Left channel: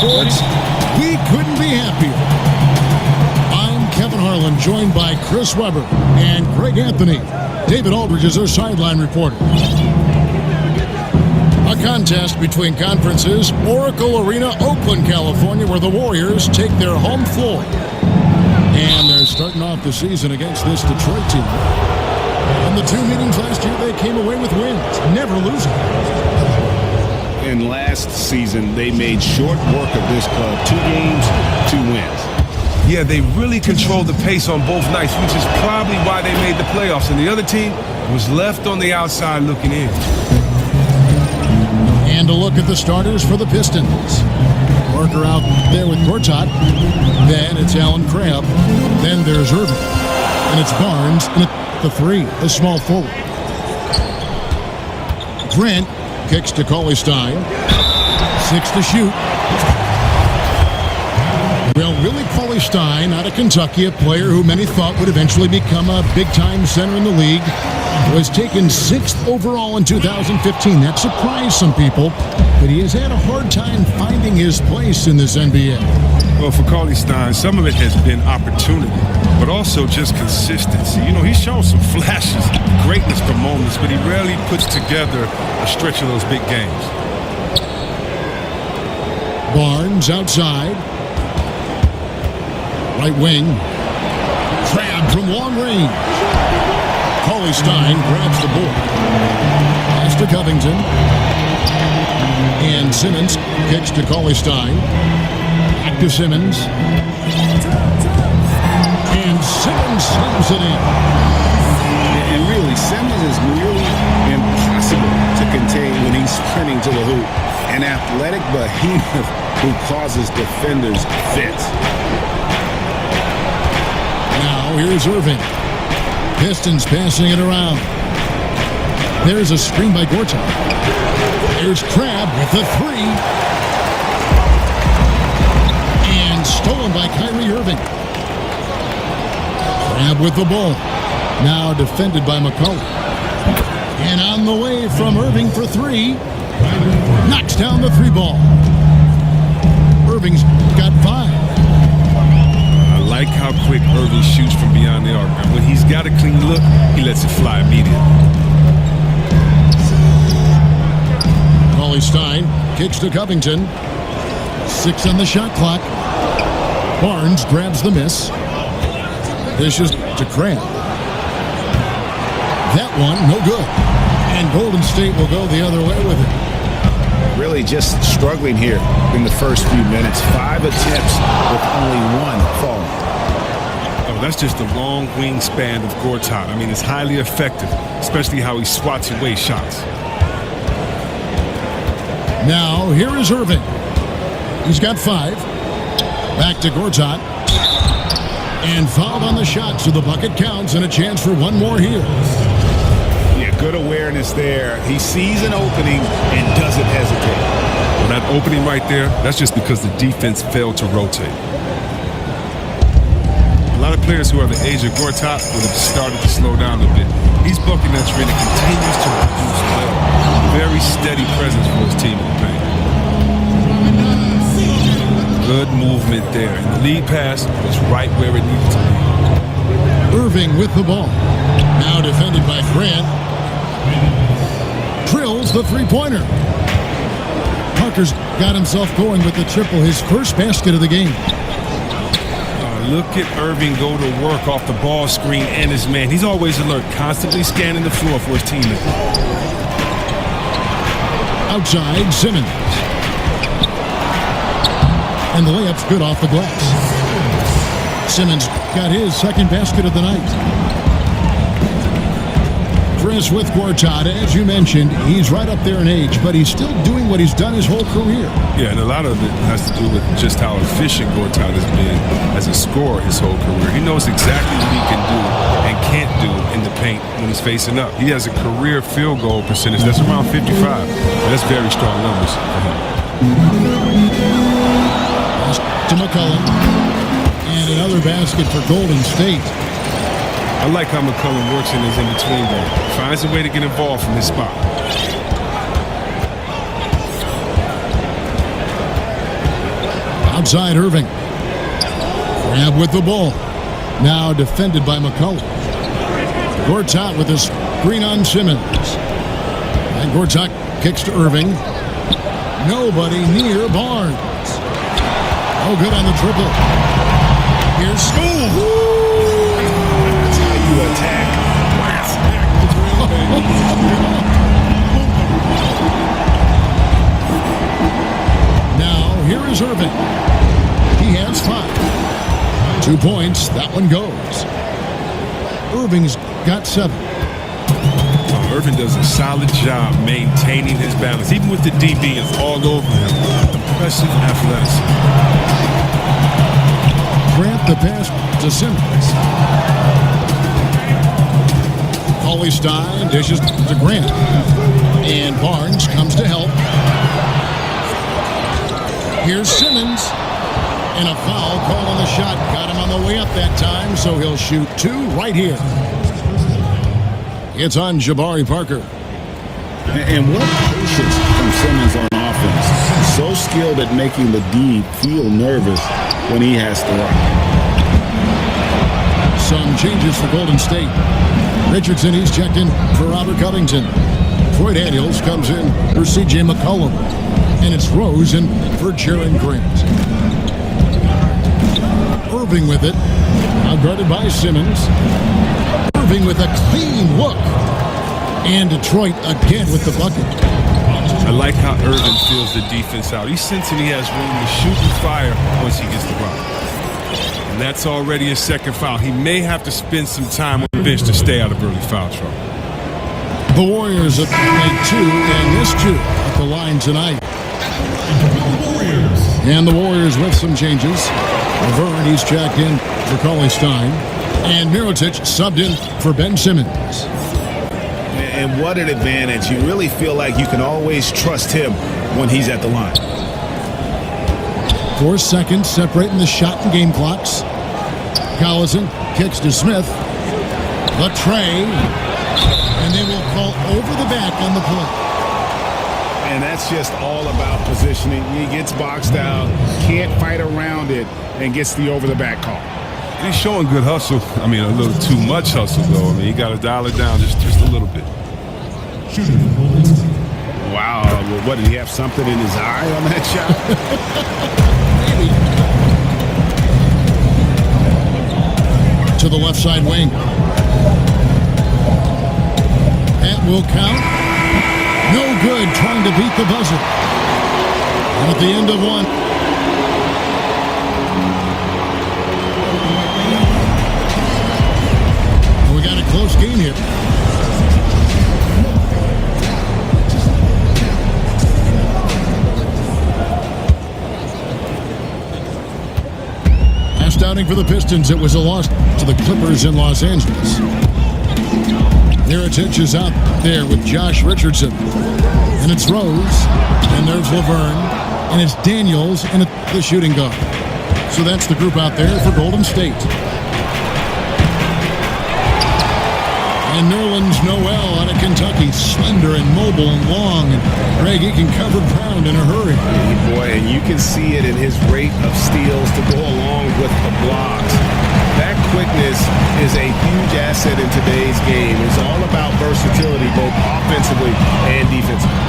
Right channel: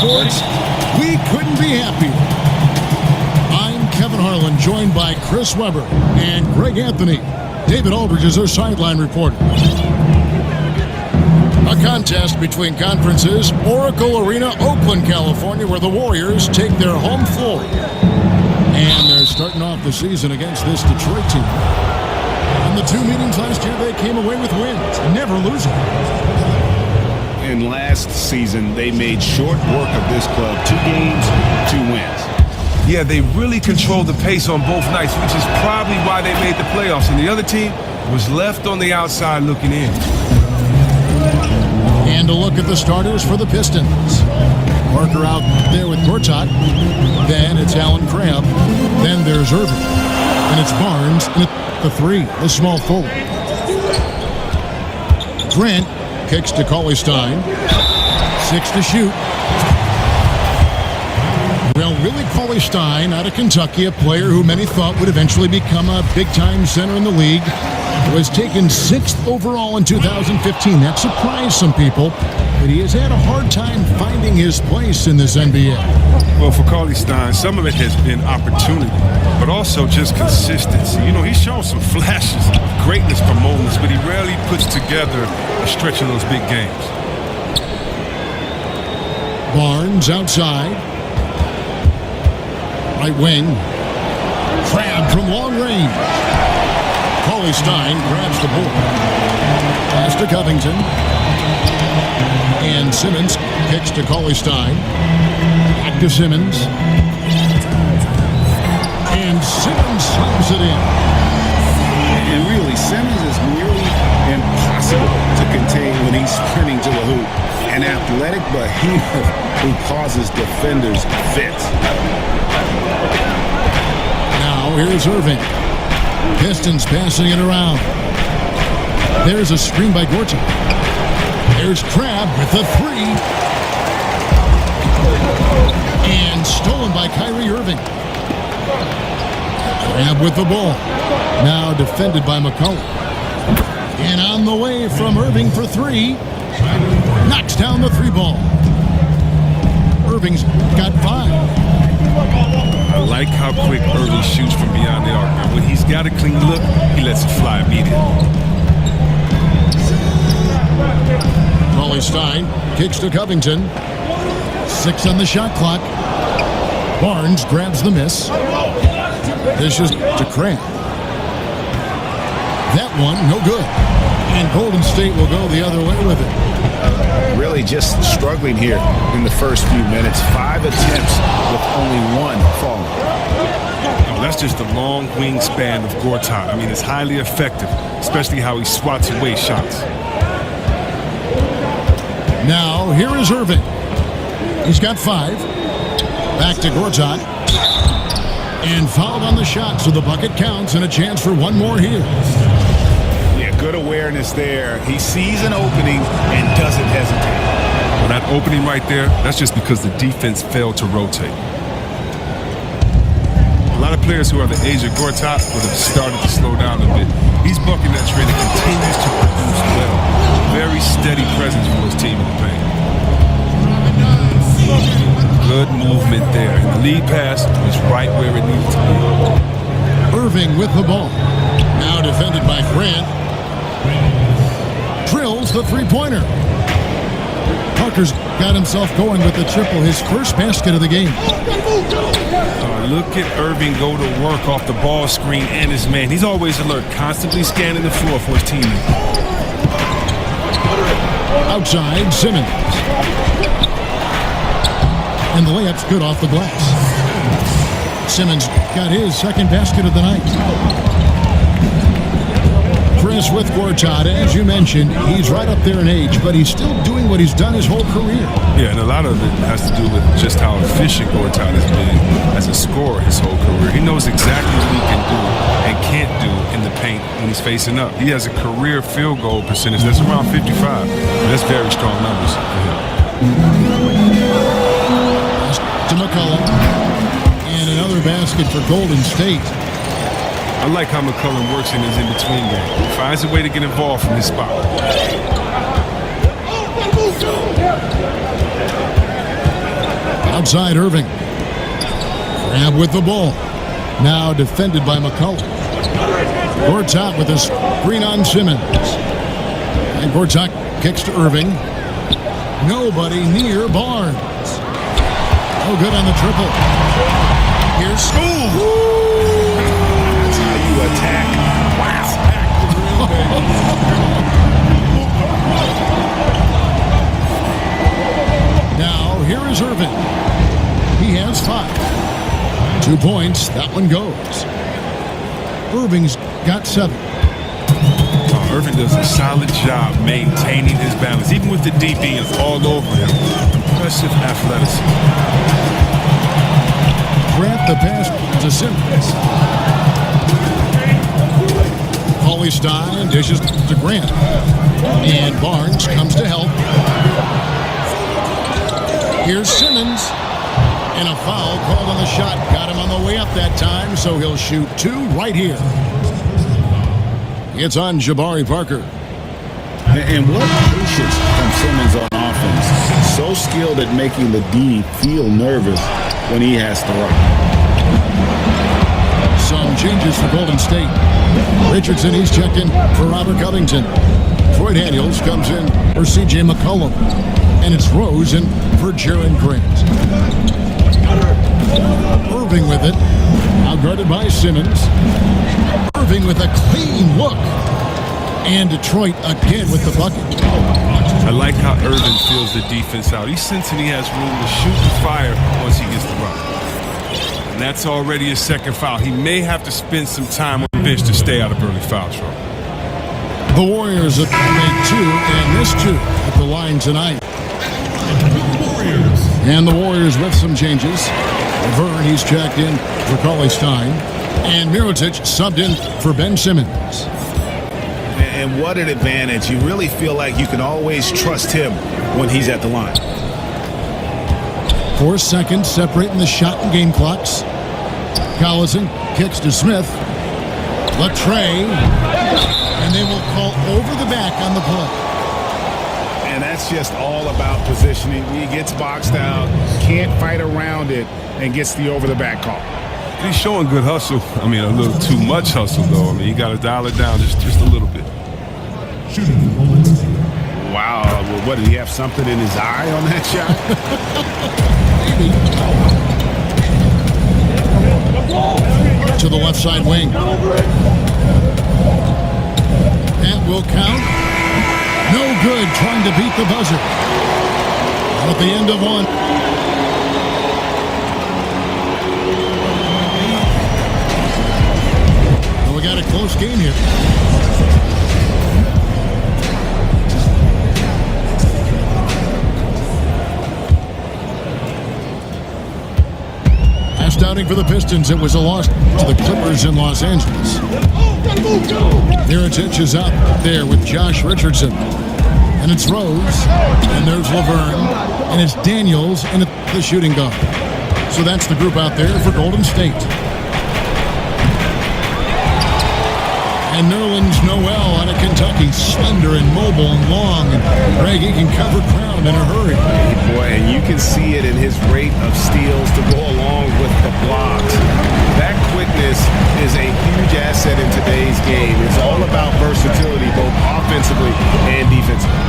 Sports, we couldn't be happier. I'm Kevin Harlan, joined by Chris Webber and Greg Anthony. David Aldridge is our sideline reporter. A contest between conferences, Oracle Arena, Oakland, California, where the Warriors take their home floor. And they're starting off the season against this Detroit team. In the two meetings last year, they came away with wins, never losing. And last season, they made short work of this club. 2 games, 2 wins. Yeah, they really controlled the pace on both nights, which is probably why they made the playoffs. And the other team was left on the outside looking in. And a look at the starters for the Pistons. Parker out there with Gortat. Then it's Allen Crabbe. Then there's Irving. And it's Barnes. And at the 3, the small forward. Grant kicks to Cauley-Stein. 6 to shoot. Well, Willie Cauley-Stein out of Kentucky, a player who many thought would eventually become a big-time center in the league, was taken 6th overall in 2015. That surprised some people, but he has had a hard time finding his place in this NBA. Well, for Cauley-Stein, some of it has been opportunity, but also just consistency. You know, he's shown some flashes of greatness for moments, but he rarely puts together a stretch of those big games. Barnes outside. Right wing. Crabbe from long range. Cauley-Stein grabs the board. Pass to Covington. And Simmons kicks to Cauley-Stein. Back to Simmons. And Simmons slams it in. And really, Simmons is nearly impossible to contain when he's sprinting to the hoop. An athletic behemoth who causes defenders fits. Now here's Irving. Pistons passing it around. There's a screen by Gortat. There's Crabbe with the 3. And stolen by Kyrie Irving. Crabbe with the ball. Now defended by McCollum. And on the way from Irving for 3. Knocks down the 3 ball. Irving's got 5. I like how quick Irving shoots from beyond the arc. Now, when he's got a clean look, he lets it fly immediately. Cauley-Stein kicks to Covington. 6 on the shot clock. Barnes grabs the miss. Dishes to Crabbe. That one, no good. And Golden State will go the other way with it. Really just struggling here in the first few minutes. 5 attempts with only 1 falling. Oh, that's just the long wingspan of Gortat. I mean, it's highly effective, especially how he swats away shots. Now, here is Irving. He's got 5. Back to Gortat. And fouled on the shot, so the bucket counts and a chance for one more here. Yeah, good awareness there. He sees an opening and doesn't hesitate. Well, that opening right there, that's just because the defense failed to rotate. A lot of players who are the age of Gortat would have started to slow down a bit. He's bucking that trend and continues to produce well. A very steady presence for his team in the paint. Good movement there. And the lead pass was right where it needed to be. Irving with the ball. Now defended by Grant. Drills the 3-pointer. Parker's got himself going with the triple, his first basket of the game. Look at Irving go to work off the ball screen and his man. He's always alert, constantly scanning the floor for his teammates. Outside, Simmons. And the layup's good off the glass. Simmons got his second basket of the night. Chris with Gortat, as you mentioned, he's right up there in age, but he's still doing what he's done his whole career. Yeah, and a lot of it has to do with just how efficient Gortat has been as a scorer his whole career. He knows exactly what he can do and can't do in the paint when he's facing up. He has a career field goal percentage that's around 55. And that's very strong numbers for him. Pass to McCollum. And another basket for Golden State. I like how McCollum works in his in-between game. Finds a way to get involved from his spot. Outside Irving. Grab with the ball. Now defended by McCullough. Gortat with a screen on Simmons. And Gortat kicks to Irving. Nobody near Barnes. No good on the triple. Here's school. That's how you attack. Wow. Attack the drill, baby. Now, here is Irving. He has 5. 2 points. That one goes. Irving's got 7. Oh, Irving does a solid job maintaining his balance, even with the D being all over him. Impressive athleticism. Grant the pass to Simmons. Stein dishes to Grant. And Barnes comes to help. Here's Simmons. And a foul called on the shot. Got him on the way up that time, so he'll shoot 2 right here. It's on Jabari Parker. And what patience from Simmons on offense. So skilled at making the D feel nervous when he has to rock. Some changes for Golden State. Richardson, he's checked in for Robert Covington. Troy Daniels comes in for C.J. McCollum. And it's Rose in for Jaren Grant. Irving with it. Outguarded by Simmons. Irving with a clean look. And Detroit again with the bucket. I like how Irving feels the defense out. He's sensing he has room to shoot and fire once he gets the rock. And that's already a second foul. He may have to spend some time on the bench to stay out of early foul trouble. The Warriors have made 2 and missed 2 at the line tonight. And the Warriors with some changes. Laverne, he's checked in for Stein. And Mirotic subbed in for Ben Simmons. And what an advantage. You really feel like you can always trust him when he's at the line. 4 seconds separating the shot and game clocks. Collison kicks to Smith. The tray. And they will call over the back on the play. And that's just all about positioning. He gets boxed out, can't fight around it, and gets the over-the-back call. He's showing good hustle. I mean, a little too much hustle, though. I mean, you got to dial it down just a little bit. Wow. What, did he have something in his eye on that shot? Maybe. To the left side wing. That will count. No good, trying to beat the buzzer. And at the end of 1. And we got a close game here. Last outing for the Pistons, it was a loss to the Clippers in Los Angeles. Mirotic is out there with Josh Richardson. And it's Rose. And there's Laverne. And it's Daniels in the shooting guard. So that's the group out there for Golden State. And Nerlens Noel out of Kentucky, slender and mobile and long. And Greg, he can cover ground in a hurry. Hey, boy, and you can see it in his rate of steals to go along with the blocks. That quickness is a huge asset in today's game. It's all about versatility, both offensively and defensively.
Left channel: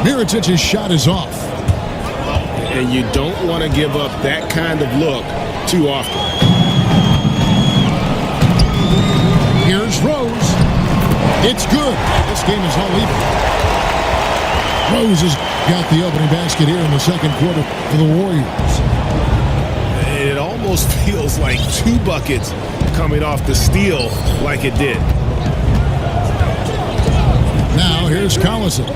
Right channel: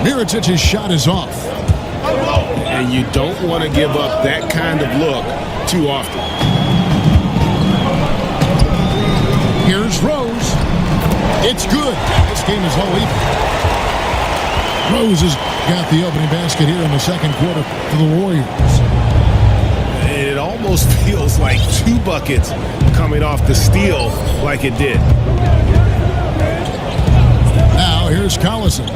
Mirotic's shot is off. And you don't want to give up that kind of look too often. Here's Rose. It's good. This game is all even. Rose has got the opening basket here in the second quarter for the Warriors. It almost feels like 2 buckets coming off the steal like it did. Now here's Collison.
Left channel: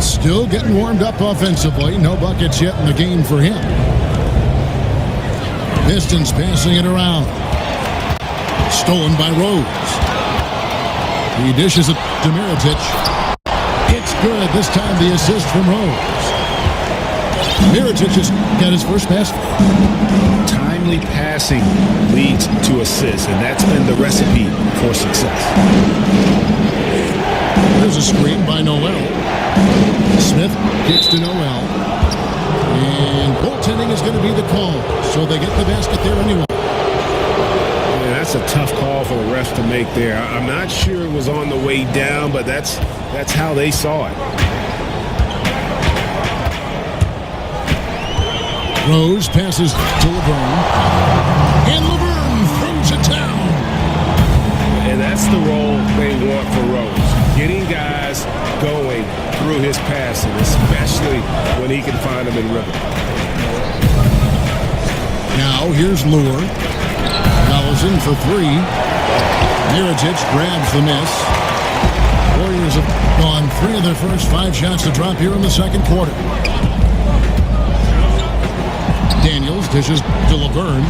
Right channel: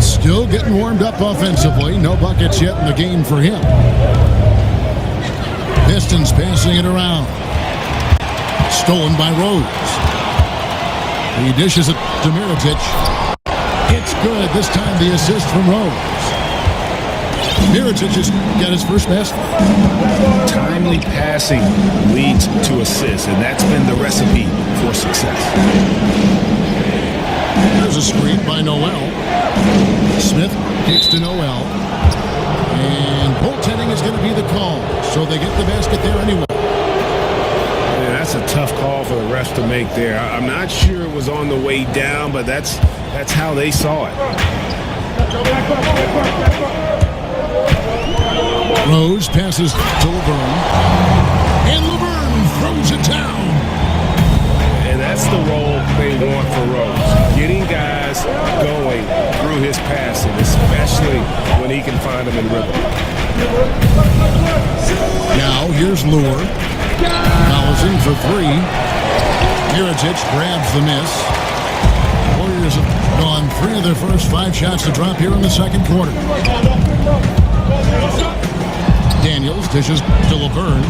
Still getting warmed up offensively. No buckets yet in the game for him. Pistons passing it around. Stolen by Rose. He dishes it to Mirotic. It's good. This time the assist from Rose. Mirotic just got his first basket. Timely passing leads to assists, and that's been the recipe for success. There's a screen by Noel. Smith kicks to Noel. And goaltending is going to be the call, so they get the basket there anyway. Man, that's a tough call for the refs to make there. I'm not sure it was on the way down, but that's how they saw it. Rose passes to Laverne, and Laverne throws it down. And that's the role they want for Rose, getting guys going through his passing, especially when he can find them in rhythm. Now here's Lure. Collison for three. Mirotic grabs the miss. Warriors have gone 3 of their first 5 shots to drop here in the second quarter. Daniels dishes to Laverne.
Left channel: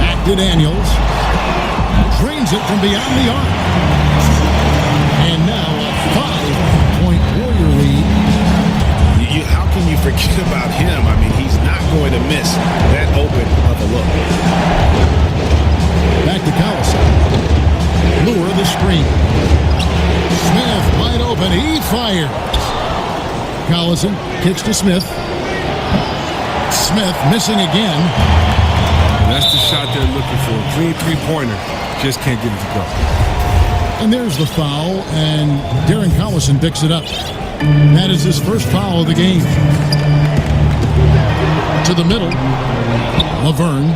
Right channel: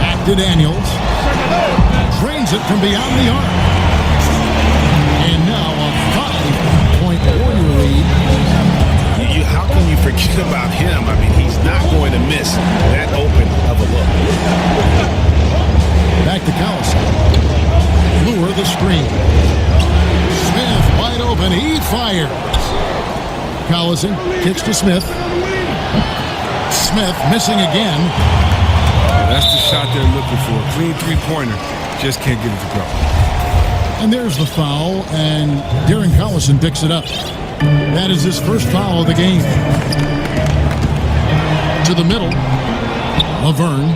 Back to Daniels. Drains it from beyond the arc. And now a 5-point Warrior lead. How can you forget about him? I mean, he's not going to miss that open of a look. Back to Collison. Lure the screen. Smith wide open. He fires. Collison kicks to Smith. Smith missing again. And that's the shot they're looking for. Clean three-pointer. Just can't get it to go. And there's the foul, and Darren Collison picks it up. That is his first foul of the game. To the middle, Laverne.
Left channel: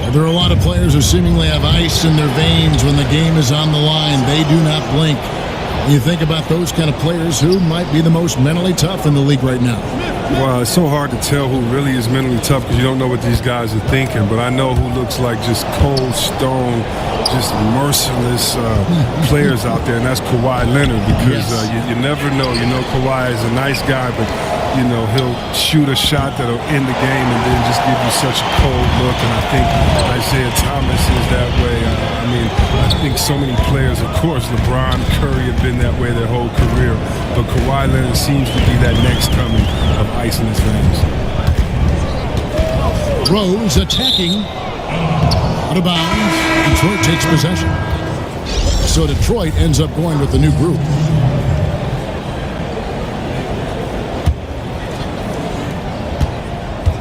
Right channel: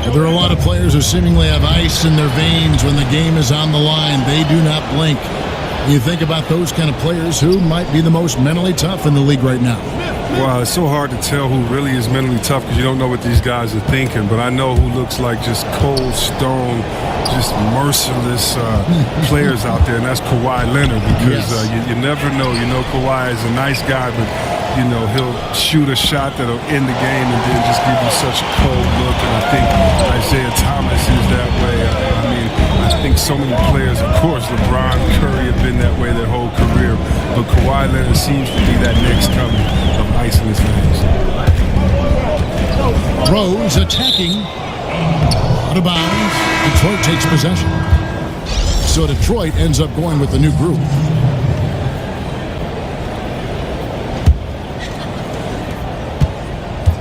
Well, there are a lot of players who seemingly have ice in their veins when the game is on the line. They do not blink. When you think about those kind of players, who might be the most mentally tough in the league right now? Well, it's so hard to tell who really is mentally tough because you don't know what these guys are thinking. But I know who looks like just cold stone, just merciless players out there, and that's Kawhi Leonard because Yes. you never know. You know Kawhi is a nice guy, but you know he'll shoot a shot that'll end the game and then just give you such a cold look. And I think Isaiah Thomas is that way. I mean, I think so many players, of course, LeBron, Curry have been that way their whole career, but Kawhi Leonard seems to be that next coming of ice in his veins. Rose attacking. Out of bounds. Detroit takes possession. So Detroit ends up going with the new group.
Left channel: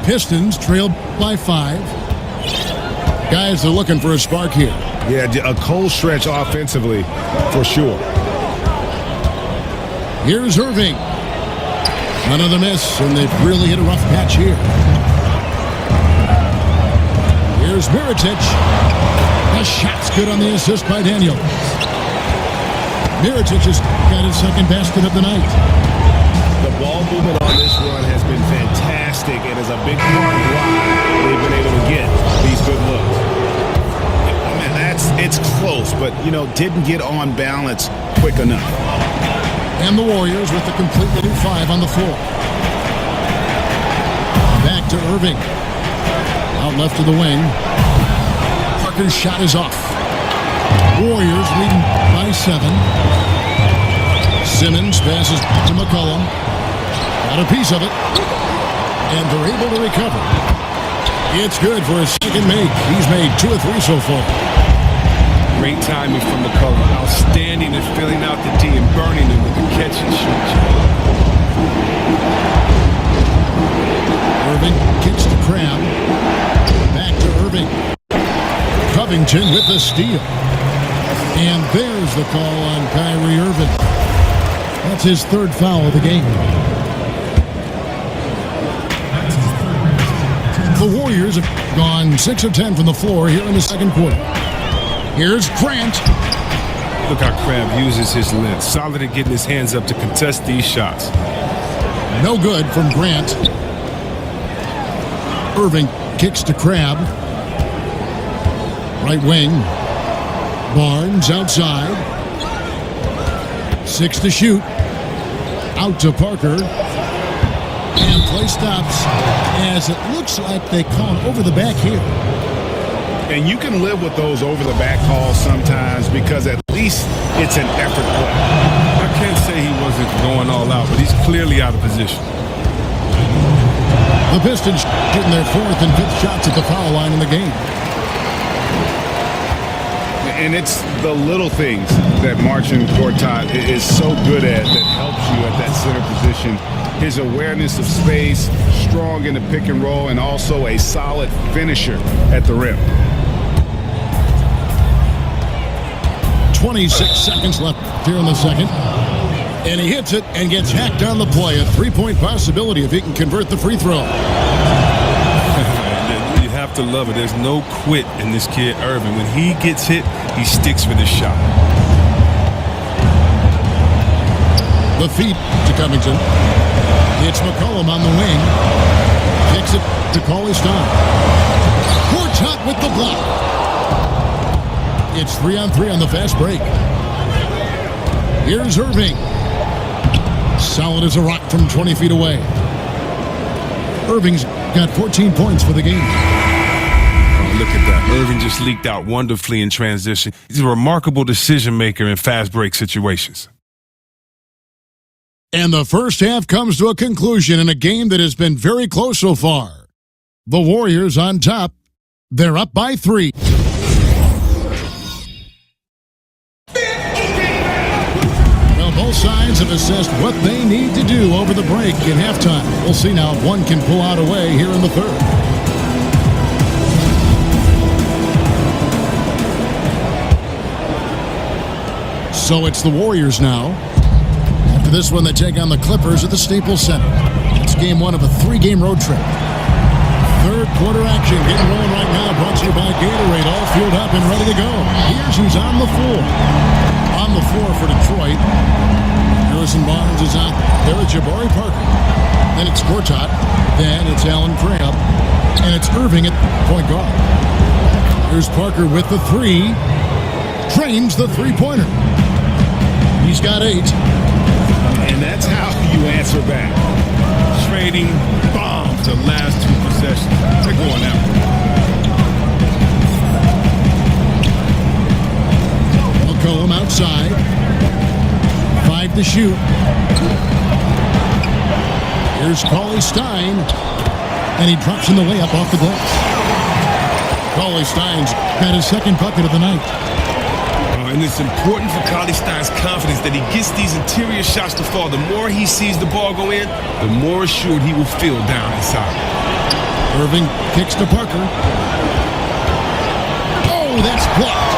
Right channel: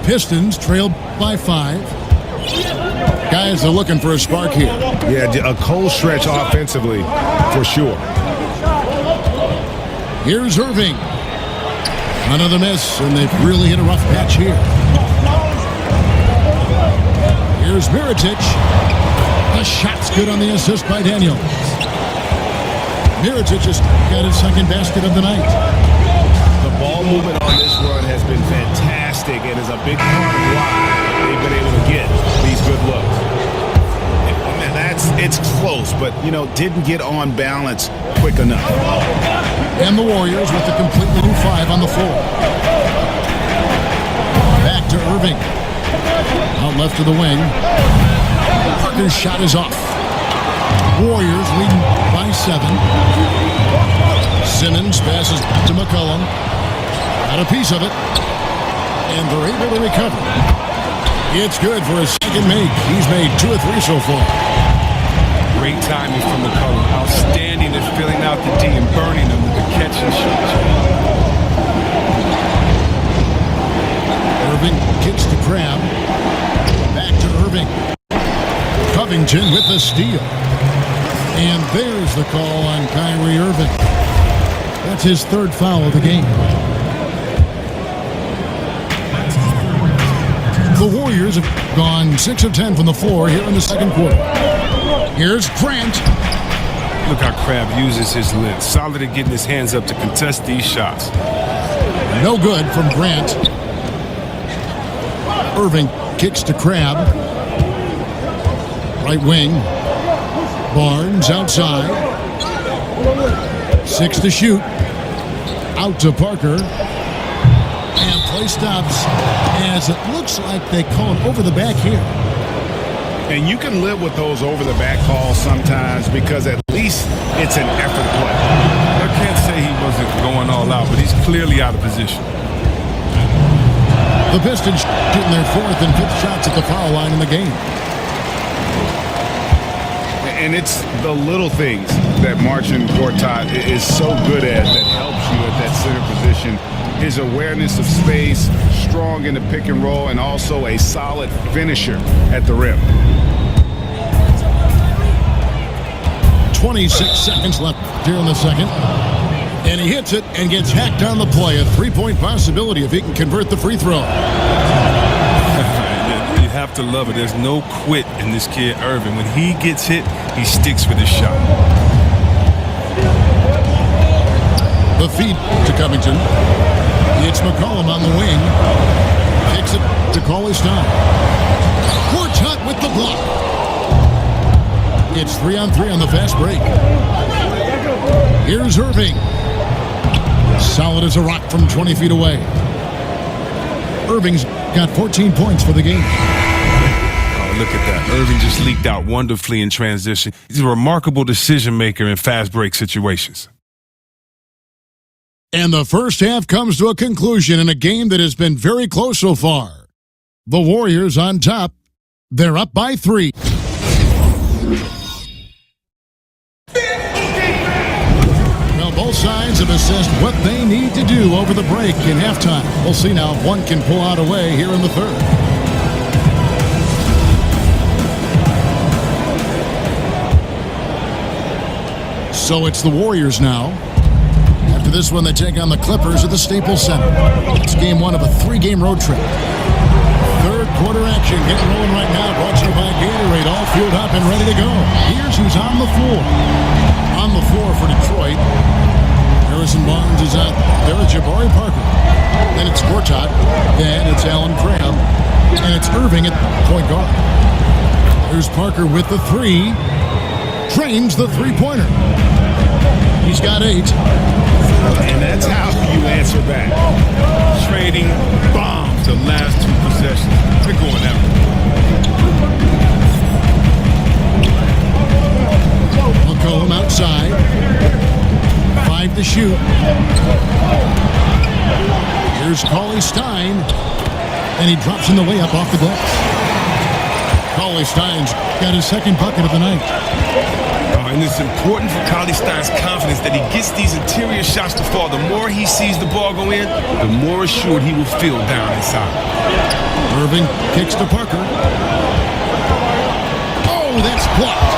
Pistons trail by 5. Guys are looking for a spark here. Yeah, a cold stretch offensively for sure. Here's Irving. Another miss, and they've really hit a rough patch here. Here's Mirotic. The shot's good on the assist by Daniels. Mirotic has got his second basket of the night. The ball movement on this run has been fantastic and is a big part of why they've been able to get these good looks. Man, it's close, but, didn't get on balance quick enough. And the Warriors with a completely new 5 on the floor. Back to Irving. Out left to the wing. Parker's shot is off. Warriors leading by 7. Simmons passes to McCollum. Got a piece of it. And they're able to recover. It's good for his second make. He's made 2 or 3 so far. Great timing from McCollum. Outstanding at filling out the D and burning them with the catch and shoot shot. Irving kicks to Crabbe. Back to Irving. Covington with the steal. And there's the call on Kyrie Irving. That's his 3rd foul of the game. The Warriors have gone 6 of 10 from the floor here in the second quarter. Here's Grant. Look how Crabbe uses his length. Solid at getting his hands up to contest these shots. No good from Grant. Irving kicks to Crabbe. Right wing. Barnes outside. 6 to shoot. Out to Parker. And play stops as it looks like they call him over the back here. And you can live with those over-the-back calls sometimes because at least it's an effort play. I can't say he wasn't going all out, but he's clearly out of position. The Pistons shooting their 4th and 5th shots at the foul line in the game. And it's the little things that Marcin Gortat is so good at that helps you at that center position. His awareness of space, strong in the pick and roll, and also a solid finisher at the rim. 26 seconds left here in the second. And he hits it and gets hacked on the play. A three-point possibility if he can convert the free throw. You have to love it. There's no quit in this kid, Irving. When he gets hit, he sticks with his shot. The feed to Covington. It's McCollum on the wing. Kicks it to Cauley-Stein. Gortat with the block. It's 3-on-3 on the fast break. Here's Irving. Solid as a rock from 20 feet away. Irving's got 14 points for the game. Oh, look at that. Irving just leaked out wonderfully in transition. He's a remarkable decision maker in fast break situations. And the first half comes to a conclusion in a game that has been very close so far. The Warriors on top. They're up by 3. Well, both sides have assessed what they need to do over the break in halftime. We'll see now if one can pull out a way here in the third. So it's the Warriors now. After this one, they take on the Clippers at the Staples Center. It's game 1 of a 3-game road trip. Third quarter action getting rolling right now, brought to you by Gatorade, all fueled up and ready to go. Here's who's on the floor. On the floor for Detroit, Harrison Barnes is out there with Jabari Parker. Then it's Gortat. Then it's Allen Crabbe. And it's Irving at point guard. There's Parker with the 3. Trains the three-pointer. He's got 8. And that's how you answer back. Trading bombs the last 2 possessions. They're going that way. McCollum outside. 5 to shoot. Here's Cauley-Stein. And he drops in the layup off the glass. Cauley-Stein's got his second bucket of the night. And it's important for Cauley-Stein's confidence that he gets these interior shots to fall. The more he sees the ball go in, the more assured he will feel down inside. Irving kicks to Parker. Oh, that's blocked.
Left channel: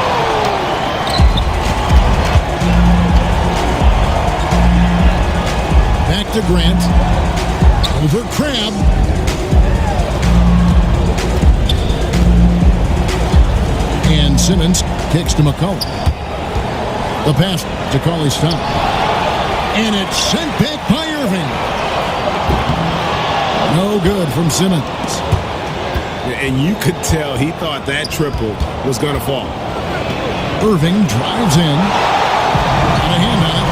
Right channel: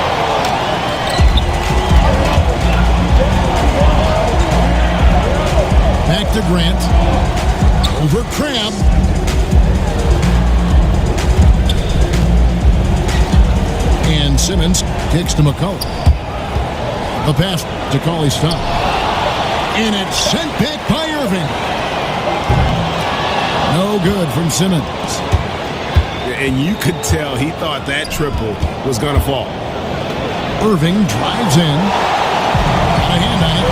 Back to Grant. Over Crabbe. And Simmons kicks to McCollum. The pass to Cauley-Stein. And it's sent back by Irving. No good from Simmons. And you could tell he thought that triple was going to fall. Irving drives in. Got a hand on it.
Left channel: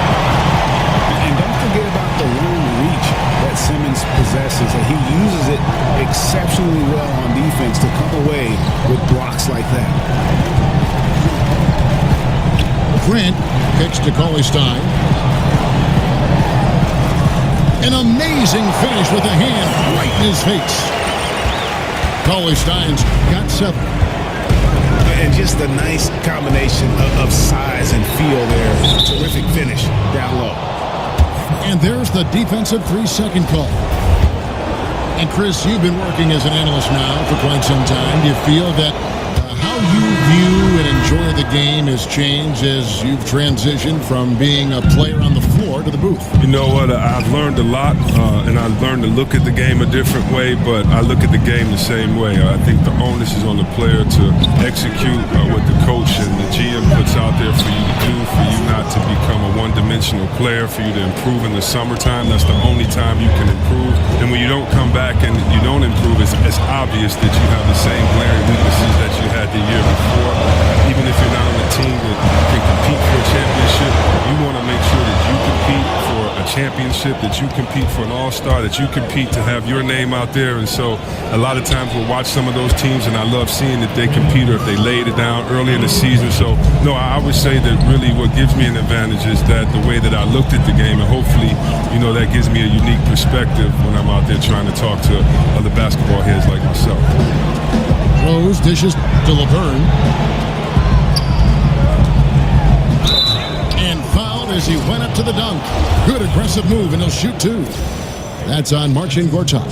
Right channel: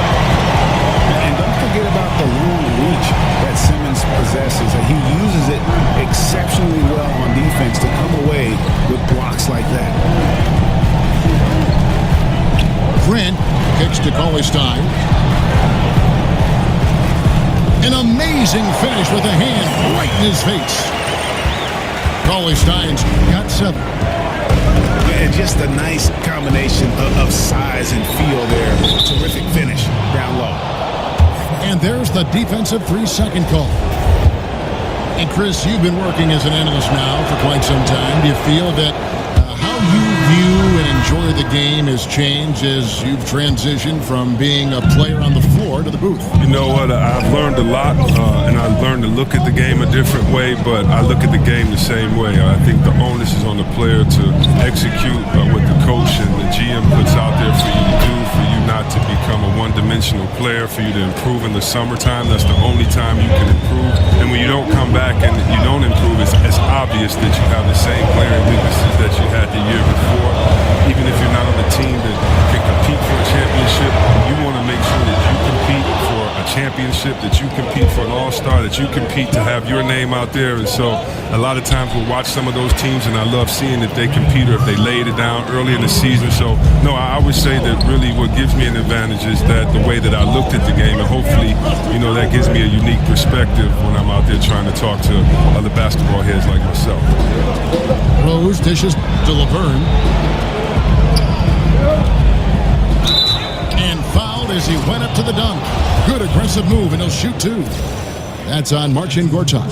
And don't forget about the long reach that Simmons possesses. He uses it exceptionally well on defense to come away with blocks like that. Grant kicks to Cauley-Stein. An amazing finish with a hand right in his face. Cauley-Stein's got 7. And just a nice combination of size and feel there. Terrific finish down low. And there's the defensive 3-second call. And Chris, you've been working as an analyst now for quite some time. Do you feel that how you view and enjoy the game has changed as you've transitioned from being a player on the floor to the booth? You know what? I've learned a lot, and I've learned to look at the game a different way, but I look at the game the same way. I think the onus is on the player to execute what the coach and the GM puts out there for you to do, for you not to become a one-dimensional player, for you to improve in the summertime. That's the only time you can improve. And when you don't come back and you don't improve, it's obvious that you have the same glaring weaknesses that you had the year before. Even if you're not on a team that can compete for a championship, you want to make sure that you compete for a championship, that you compete for an all-star, that you compete to have your name out there. And so a lot of times we'll watch some of those teams, and I love seeing that they compete or if they laid it down early in the season. So, no, I would say that really what gives me an advantage is that the way that I looked at the game, and hopefully, you know, that gives me a unique perspective when I'm out there trying to talk to other basketball heads like myself. Rose dishes to LeVerne. And fouled as he went up to the dunk. Good aggressive move, and he'll shoot two. That's on Marcin Gortat.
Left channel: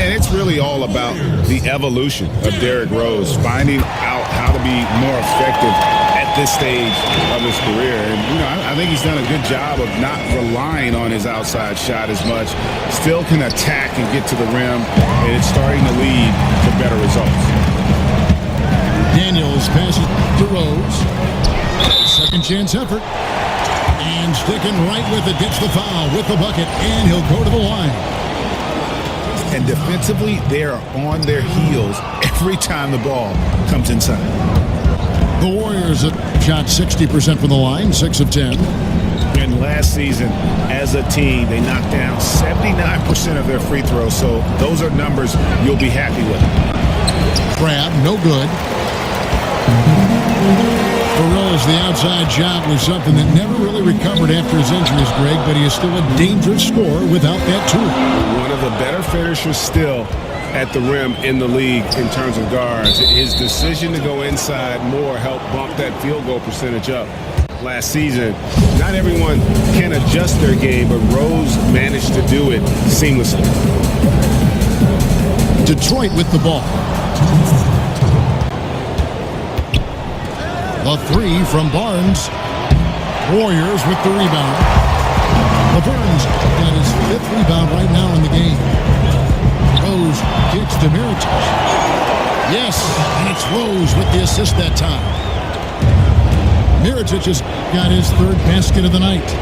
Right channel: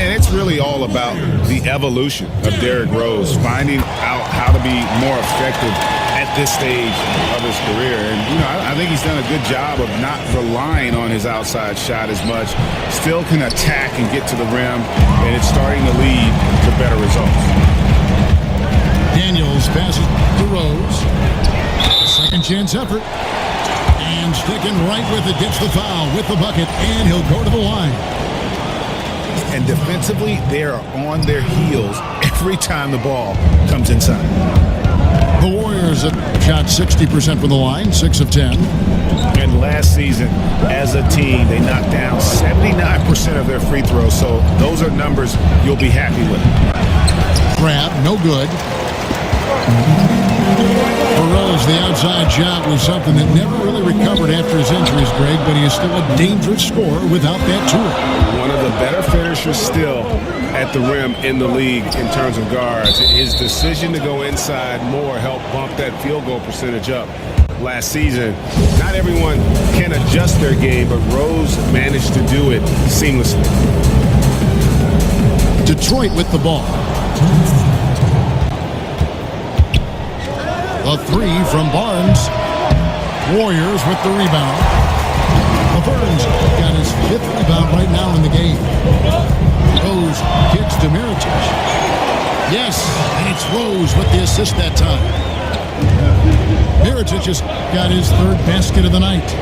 And it's really all about the evolution of Derrick Rose, finding out how to be more effective at this stage of his career. And, I think he's done a good job of not relying on his outside shot as much. Still can attack and get to the rim, and it's starting to lead to better results. Daniels passes to Rose. Second chance effort. And sticking right with it, gets the foul with the bucket, and he'll go to the line. And defensively, they are on their heels every time the ball comes inside. The Warriors have shot 60% from the line, 6 of 10. And last season, as a team, they knocked down 79% of their free throws. So those are numbers you'll be happy with. Crab, no good. For Rose, the outside shot was something that never really recovered after his injuries, Greg, but he is still a dangerous scorer without that tool. One of the better finishers still at the rim in the league in terms of guards. His decision to go inside more helped bump that field goal percentage up last season. Not everyone can adjust their game, but Rose managed to do it seamlessly. Detroit with the ball. The three from Barnes. Warriors with the rebound. Laverne's got his 5th rebound right now in the game. Rose kicks to Mirotic. Yes, and it's Rose with the assist that time. Mirotic has got his 3rd basket of the night.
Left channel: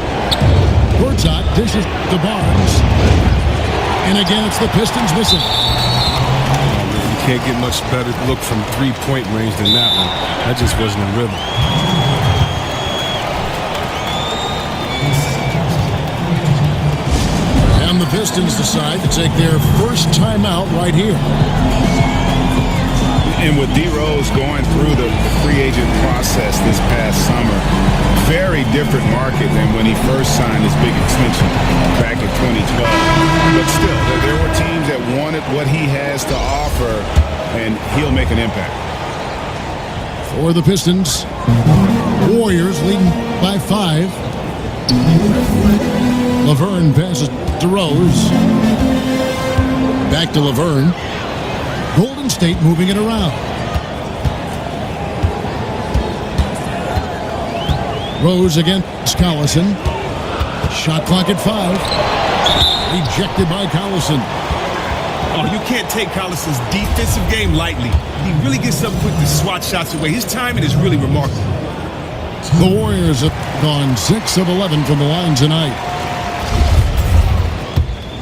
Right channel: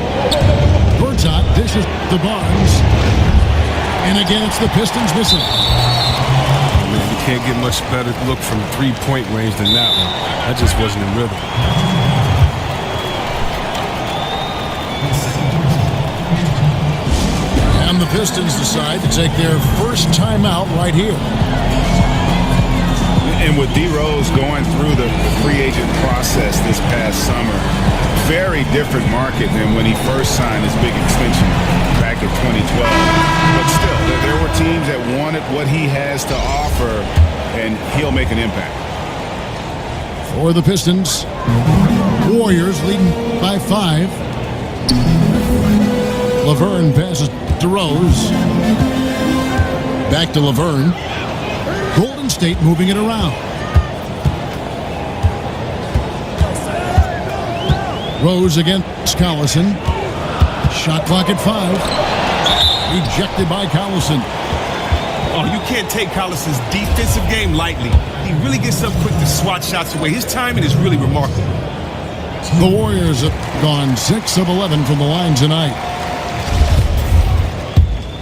Gortat dishes to Barnes. And again, it's the Pistons missing. You can't get much better look from 3-point range than that one. That just wasn't in rhythm. And the Pistons decide to take their first timeout right here. And with D. Rose going through the free agent process this past summer, very different market than when he first signed his big extension back in 2012. But still, there were teams that wanted what he has to offer, and he'll make an impact. For the Pistons, Warriors leading by 5. Laverne passes to Rose. Back to Laverne. Golden State moving it around. Rose against Collison. Shot clock at 5. Rejected by Collison. Oh, you can't take Collison's defensive game lightly. He really gets up quick to swat shots away. His timing is really remarkable. The Warriors have gone 6 of 11 from the line tonight.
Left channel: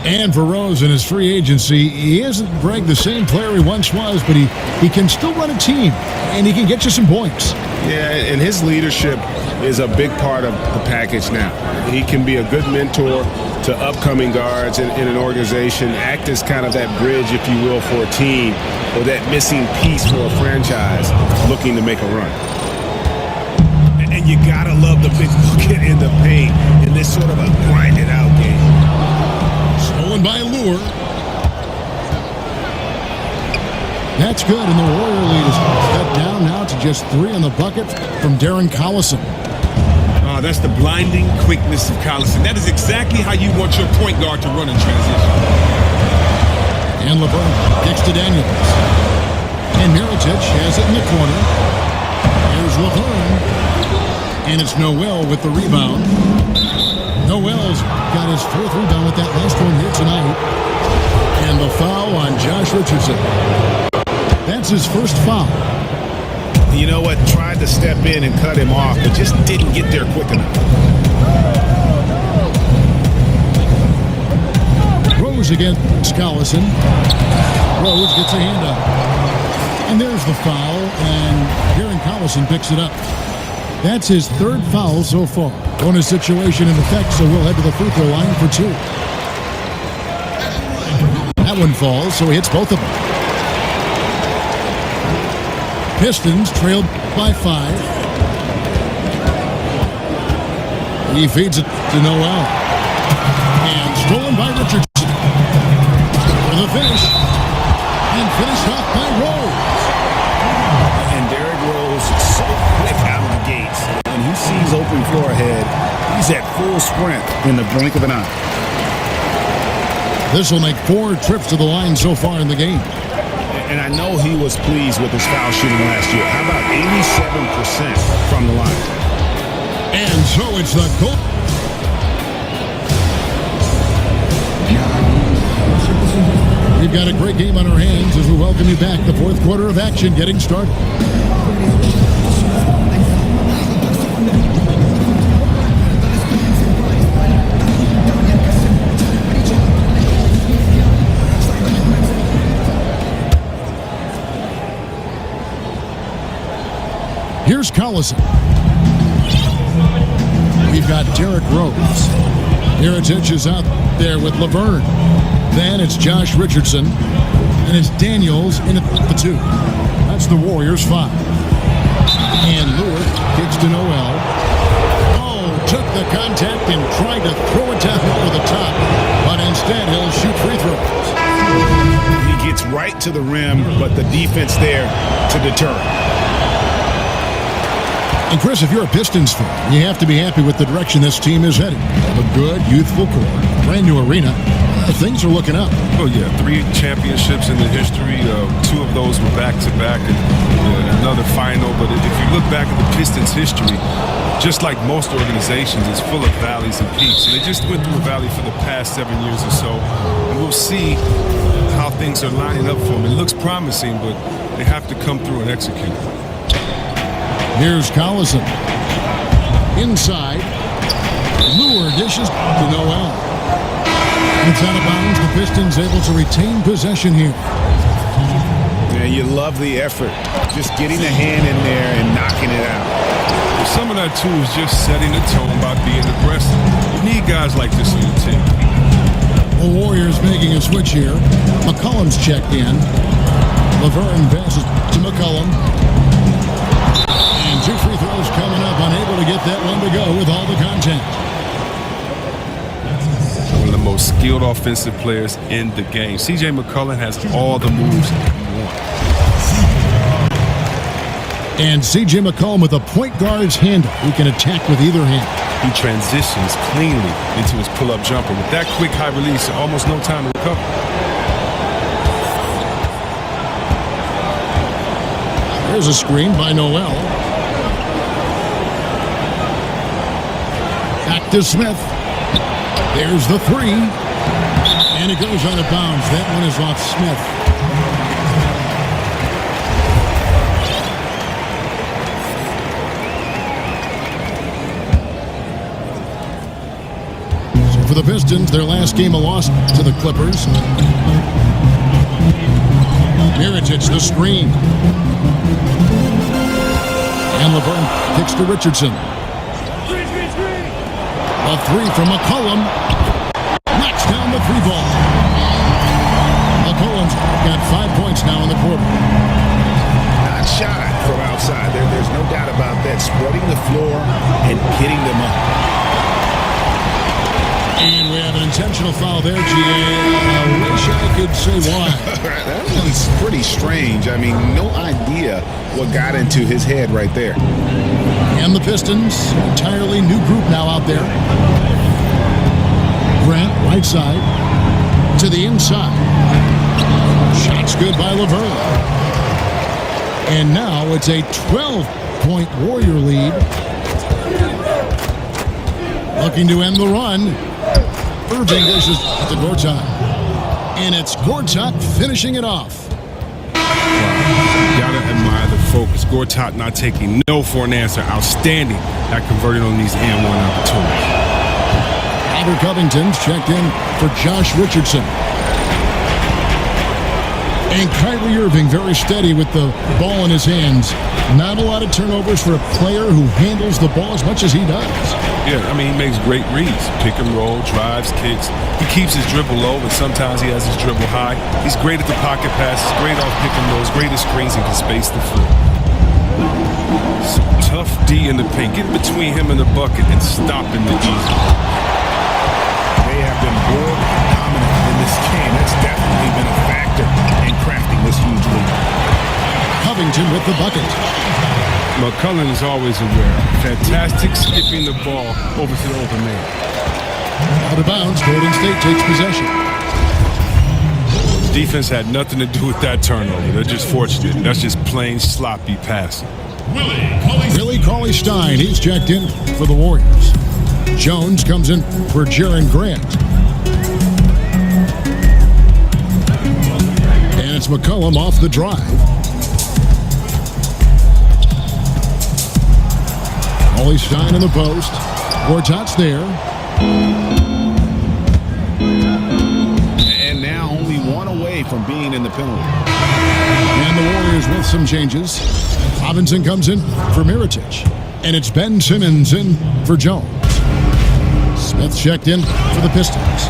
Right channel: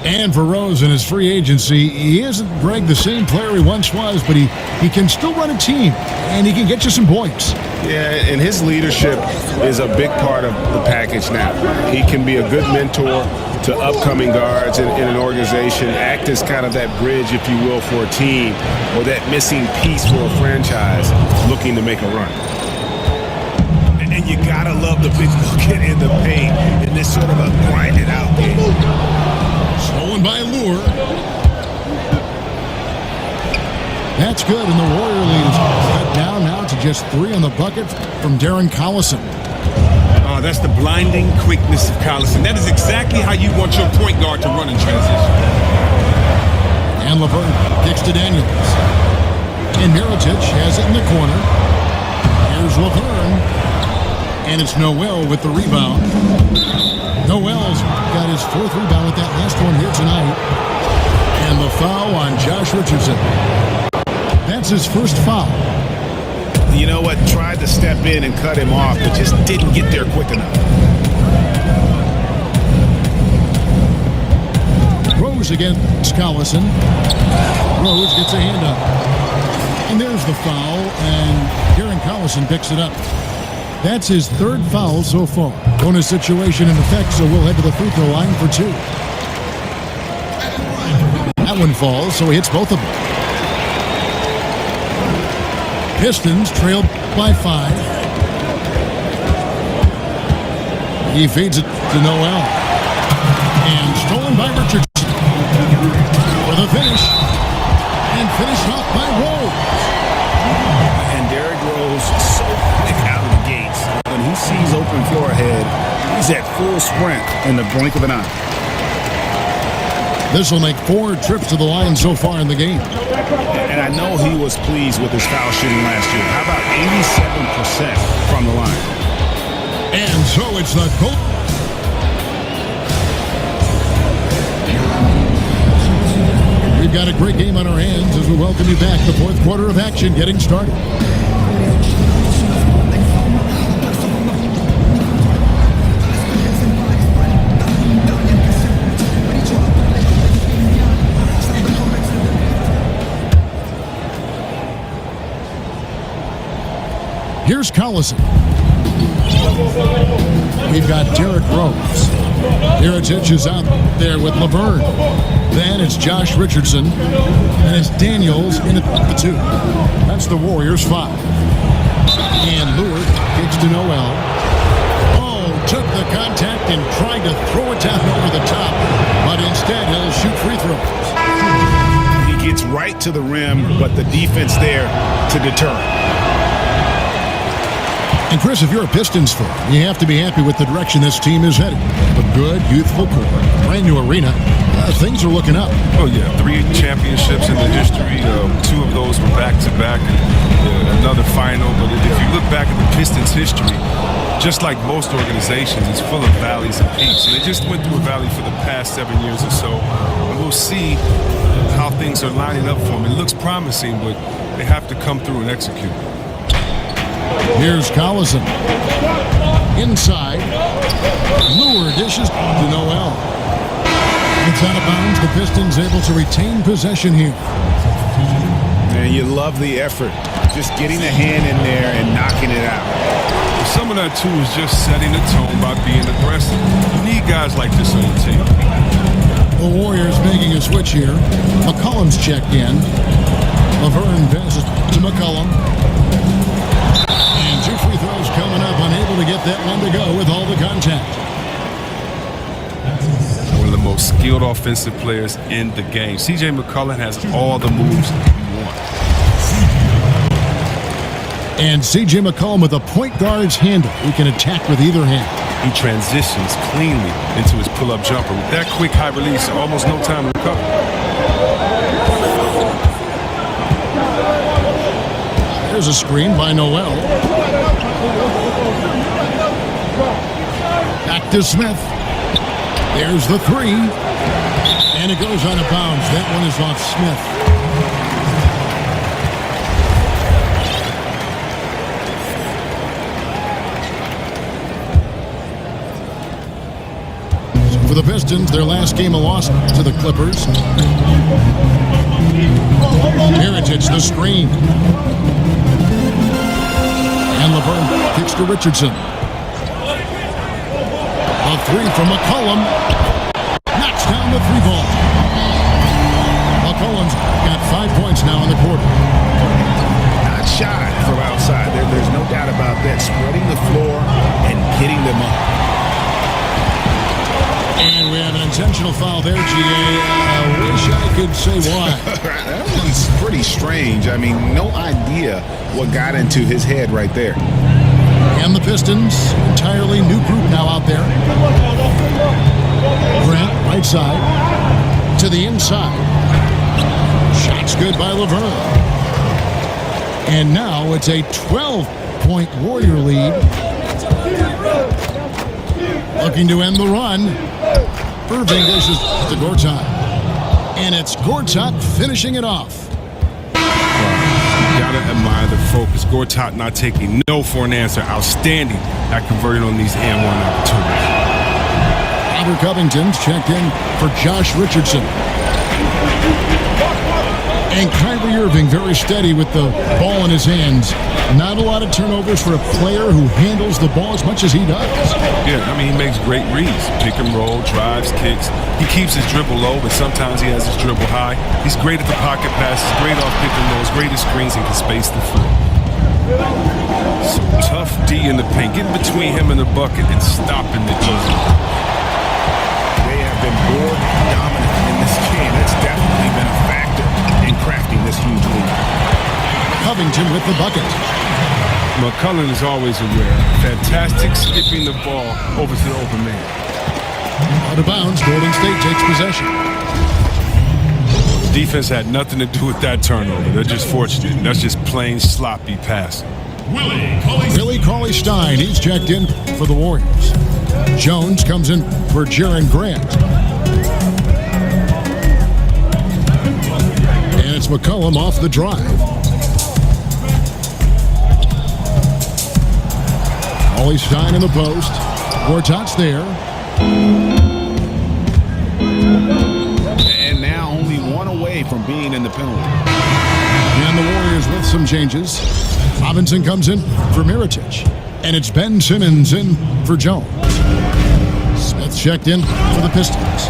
And for Rose in his free agency, he isn't, Greg, the same player he once was, but he can still run a team, and he can get you some points. Yeah, and his leadership is a big part of the package now. He can be a good mentor to upcoming guards in an organization, act as kind of that bridge, if you will, for a team, or that missing piece for a franchise looking to make a run. And you gotta love the big bucket in the paint in this sort of a grinded-out game. Stolen by Lure. That's good, and the Warrior lead is cut down now to just 3 on the bucket from Darren Collison. Oh, that's the blinding quickness of Collison. That is exactly how you want your point guard to run in transition. And Laverne kicks to Daniels. And Mirotic has it in the corner. Here's Laverne. And it's Noel with the rebound. Noel's got his 4th rebound with that last one here tonight. And the foul on Josh Richardson. That's his first foul. You know what? Tried to step in and cut him off, but just didn't get there quick enough. Rose against Collison. Rose gets a hand up. And there's the foul, and Darren Collison picks it up. That's his 3rd foul so far. Bonus situation in effect, so we'll head to the free throw line for 2. That one falls, so he hits both of them. Pistons trailed by 5. He feeds it to Noel. And stolen by Richardson. For the finish. And finished off by Rose. And Derrick Rose so quick out of the gates. When he sees open floor ahead, he's at full sprint in the blink of an eye. This will make 4 trips to the line so far in the game. And I know he was pleased with his foul shooting last year. How about 87% from the line? And so it's the goal. We've got a great game on our hands as we welcome you back. The fourth quarter of action getting started. Here's Collison. We've got Derrick Rose. Mirotic is out there with Laverne. Then it's Josh Richardson. And it's Daniels in at the 2. That's the Warriors' 5. And Lure kicks to Noel. Oh, took the contact and tried to throw it down over the top. But instead, he'll shoot free throws. He gets right to the rim, but the defense there to deter him. And Chris, if you're a Pistons fan, you have to be happy with the direction this team is heading. They have a good, youthful core, a brand new arena. Things are looking up. Oh, yeah. 3 championships in the history. 2 of those were back-to-back and another final. But if you look back at the Pistons' history, just like most organizations, it's full of valleys and peaks. And they just went through a valley for the past 7 years or so. And we'll see how things are lining up for them. It looks promising, but they have to come through and execute. Here's Collison. Inside. Lure dishes to Noel. It's out of bounds. The Pistons able to retain possession here. Man, you love the effort. Just getting the hand in there and knocking it out. Well, some of that, too, is just setting the tone by being aggressive. You need guys like this on your team. The Warriors making a switch here. McCollum's checked in. Laverne passes to McCollum. And 2 free throws coming up. Unable to get that one to go with all the contact. One of the most skilled offensive players in the game. C.J. McCollum has all the moves you want. And C.J. McCollum with a point guard's handle. He can attack with either hand. He transitions cleanly into his pull-up jumper. With that quick high release, almost no time to recover. There's a screen by Noel. Back to Smith. There's the 3. And it goes out of bounds. That one is off Smith. So for the Pistons, their last game a loss to the Clippers. Mirotic, the screen. And Laverne kicks to Richardson. The 3 from McCollum. Knocks down the 3 ball. McCollum's got 5 points now in the quarter. Not shy from outside. There's no doubt about that. Spreading the floor and getting them up. And we have an intentional foul there, G.A. I wish I could say why. That one's pretty strange. I mean, no idea what got into his head right there. And the Pistons, an entirely new group now out there. Grant, right side, to the inside. Shots good by Laverne. And now it's a 12-point Warrior lead. Looking to end the run. Irving dishes to Gortat. And it's Gortat finishing it off. You gotta admire the focus. Gortat not taking no for an answer. Outstanding at converting on these and one opportunities. Albert Covington's checked in for Josh Richardson. And Kyrie Irving very steady with the ball in his hands. Not a lot of turnovers for a player who handles the ball as much as he does. Yeah, I mean, he makes great reads. Pick and roll, drives, kicks. He keeps his dribble low, but sometimes he has his dribble high. He's great at the pocket passes, great off pick and rolls, great at screens, and can space the floor. So tough D in the paint, getting between him and the bucket and stopping the easy. They have been board dominant in this game. That's definitely been a factor in crafting this huge lead. Covington with the bucket. McCullough is always aware. Fantastic skipping the ball over to the open man. Out of bounds, Golden State takes possession. Well, the defense had nothing to do with that turnover. They're just fortunate. That's just plain sloppy passing. Willie Cauley-Stein, he's checked in for the Warriors. Jones comes in for Jaren Grant. And it's McCollum off the drive. Cauley-Stein in the post. Gortat's there. And now only one away from being in the penalty. And the Warriors with some changes. Robinson comes in for Mirotic. And it's Ben Simmons in for Jones. Smith checked in for the Pistons.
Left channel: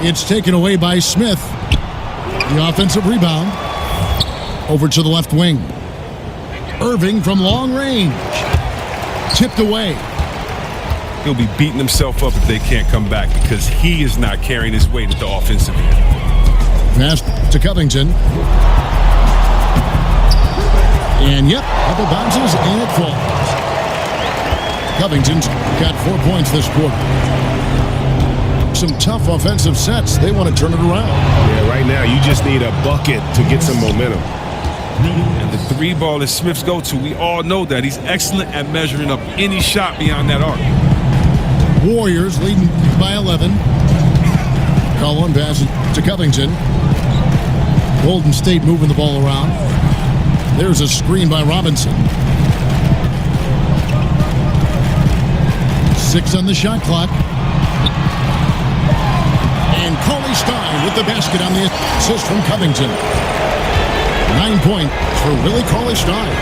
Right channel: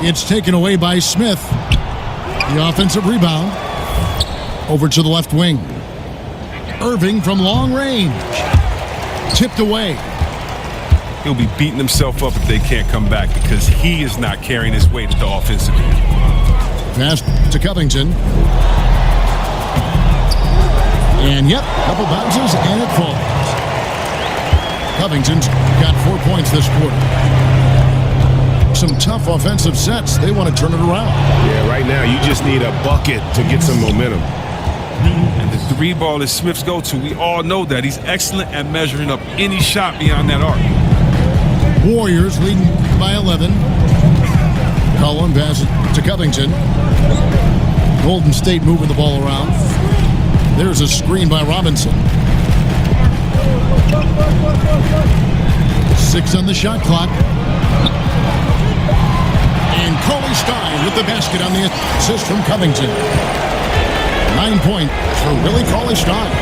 It's taken away by Smith. The offensive rebound. Over to the left wing. Irving from long range. Tipped away. He'll be beating himself up if they can't come back because he is not carrying his weight at the offensive end. Pass to Covington. And yep, couple bounces and it falls. Covington's got 4 points this quarter. Some tough offensive sets. They want to turn it around. Yeah, right now you just need a bucket to get some momentum. And the three ball is Smith's go-to. We all know that. He's excellent at measuring up any shot beyond that arc. Warriors leading by 11. Cullen passes to Covington. Golden State moving the ball around. There's a screen by Robinson. 6 on the shot clock. And Cauley-Stein with the basket on the assist from Covington. 9 points for Willie Cauley-Stein.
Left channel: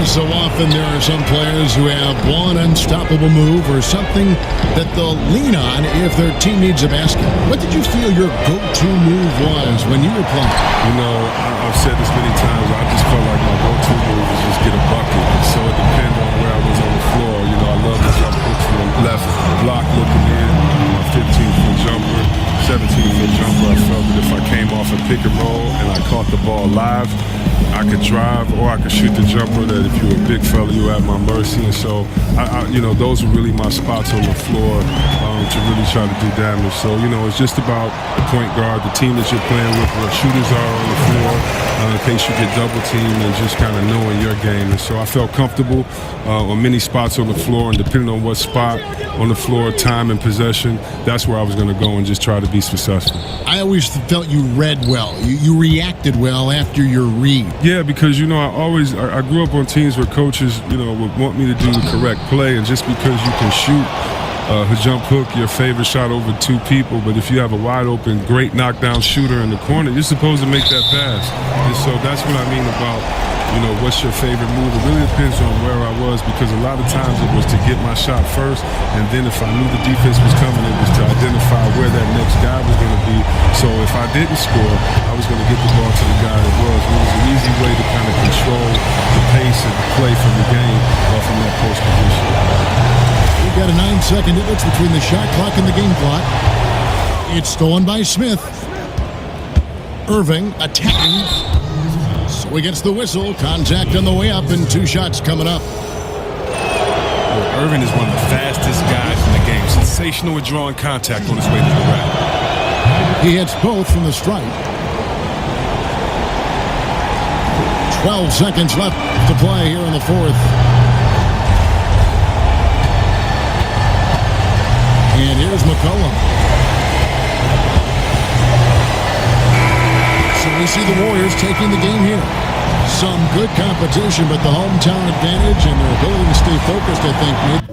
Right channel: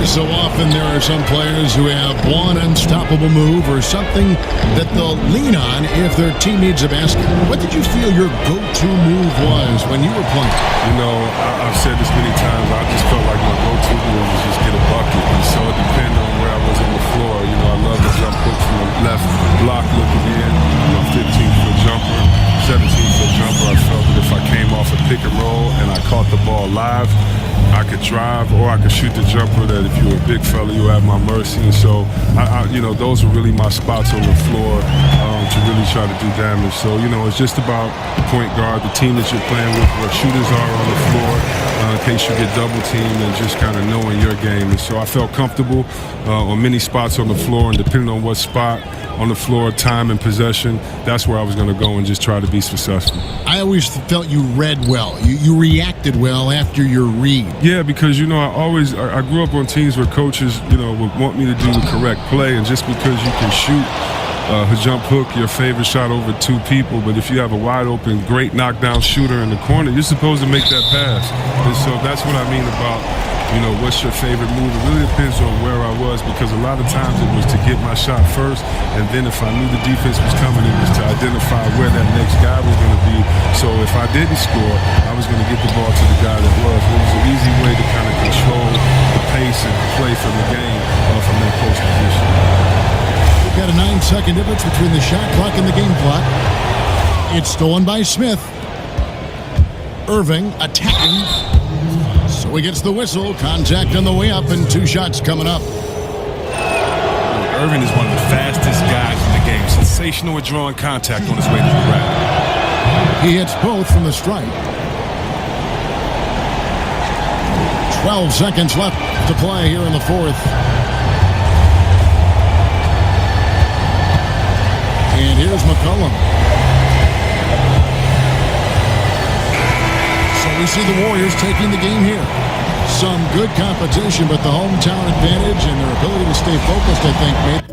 So often there are some players who have one unstoppable move or something that they'll lean on if their team needs a basket. What did you feel your go-to move was when you were playing? You know, I've said this many times. I just felt like my go-to move was just get a bucket. And so it depended on where I was on the floor. You know, I love the jump hook from the left block looking in. My 15-foot jumper, 17-foot jumper. I felt that if I came off a pick and roll and I caught the ball live, I could drive or I could shoot the jumper that if you were a big fella, you were at my mercy. And so, you know, those were really my spots on the floor to really try to do damage. So, you know, it's just about the point guard, the team that you're playing with, where shooters are on the floor in case you get double teamed and just kind of knowing your game. And so I felt comfortable on many spots on the floor, and depending on what spot on the floor, time and possession, that's where I was going to go and just try to be successful. I always felt you read well. You reacted well after your read. Yeah, because, you know, I grew up on teams where coaches, you know, would want me to do the correct play, and just because you can shoot a jump hook, your favorite shot over two people, but if you have a wide open, great knockdown shooter in the corner, you're supposed to make that pass. And so that's what I mean about, you know, what's your favorite move? It really depends on where I was, because a lot of times it was to get my shot first, and then if I knew the defense was coming, it was to identify where that next guy was going to be. So if I didn't score, I was going to get the ball to the guy that was. And it was an easy way to kind of control the pace and play from the game from that post position. We've got a 9-second difference between the shot clock and the game clock. It's stolen by Smith. Irving attacking. So he gets the whistle. Contact on the way up, and 2 shots coming up. Look, Irving is one of the fastest guys in the game. Sensational at drawing contact on his way to the rack. He hits both from the stripe. 12 seconds left to play here in the fourth. And here's McCollum. So we see the Warriors taking the game here. Some good competition, but the hometown advantage and their ability to stay focused, I think, made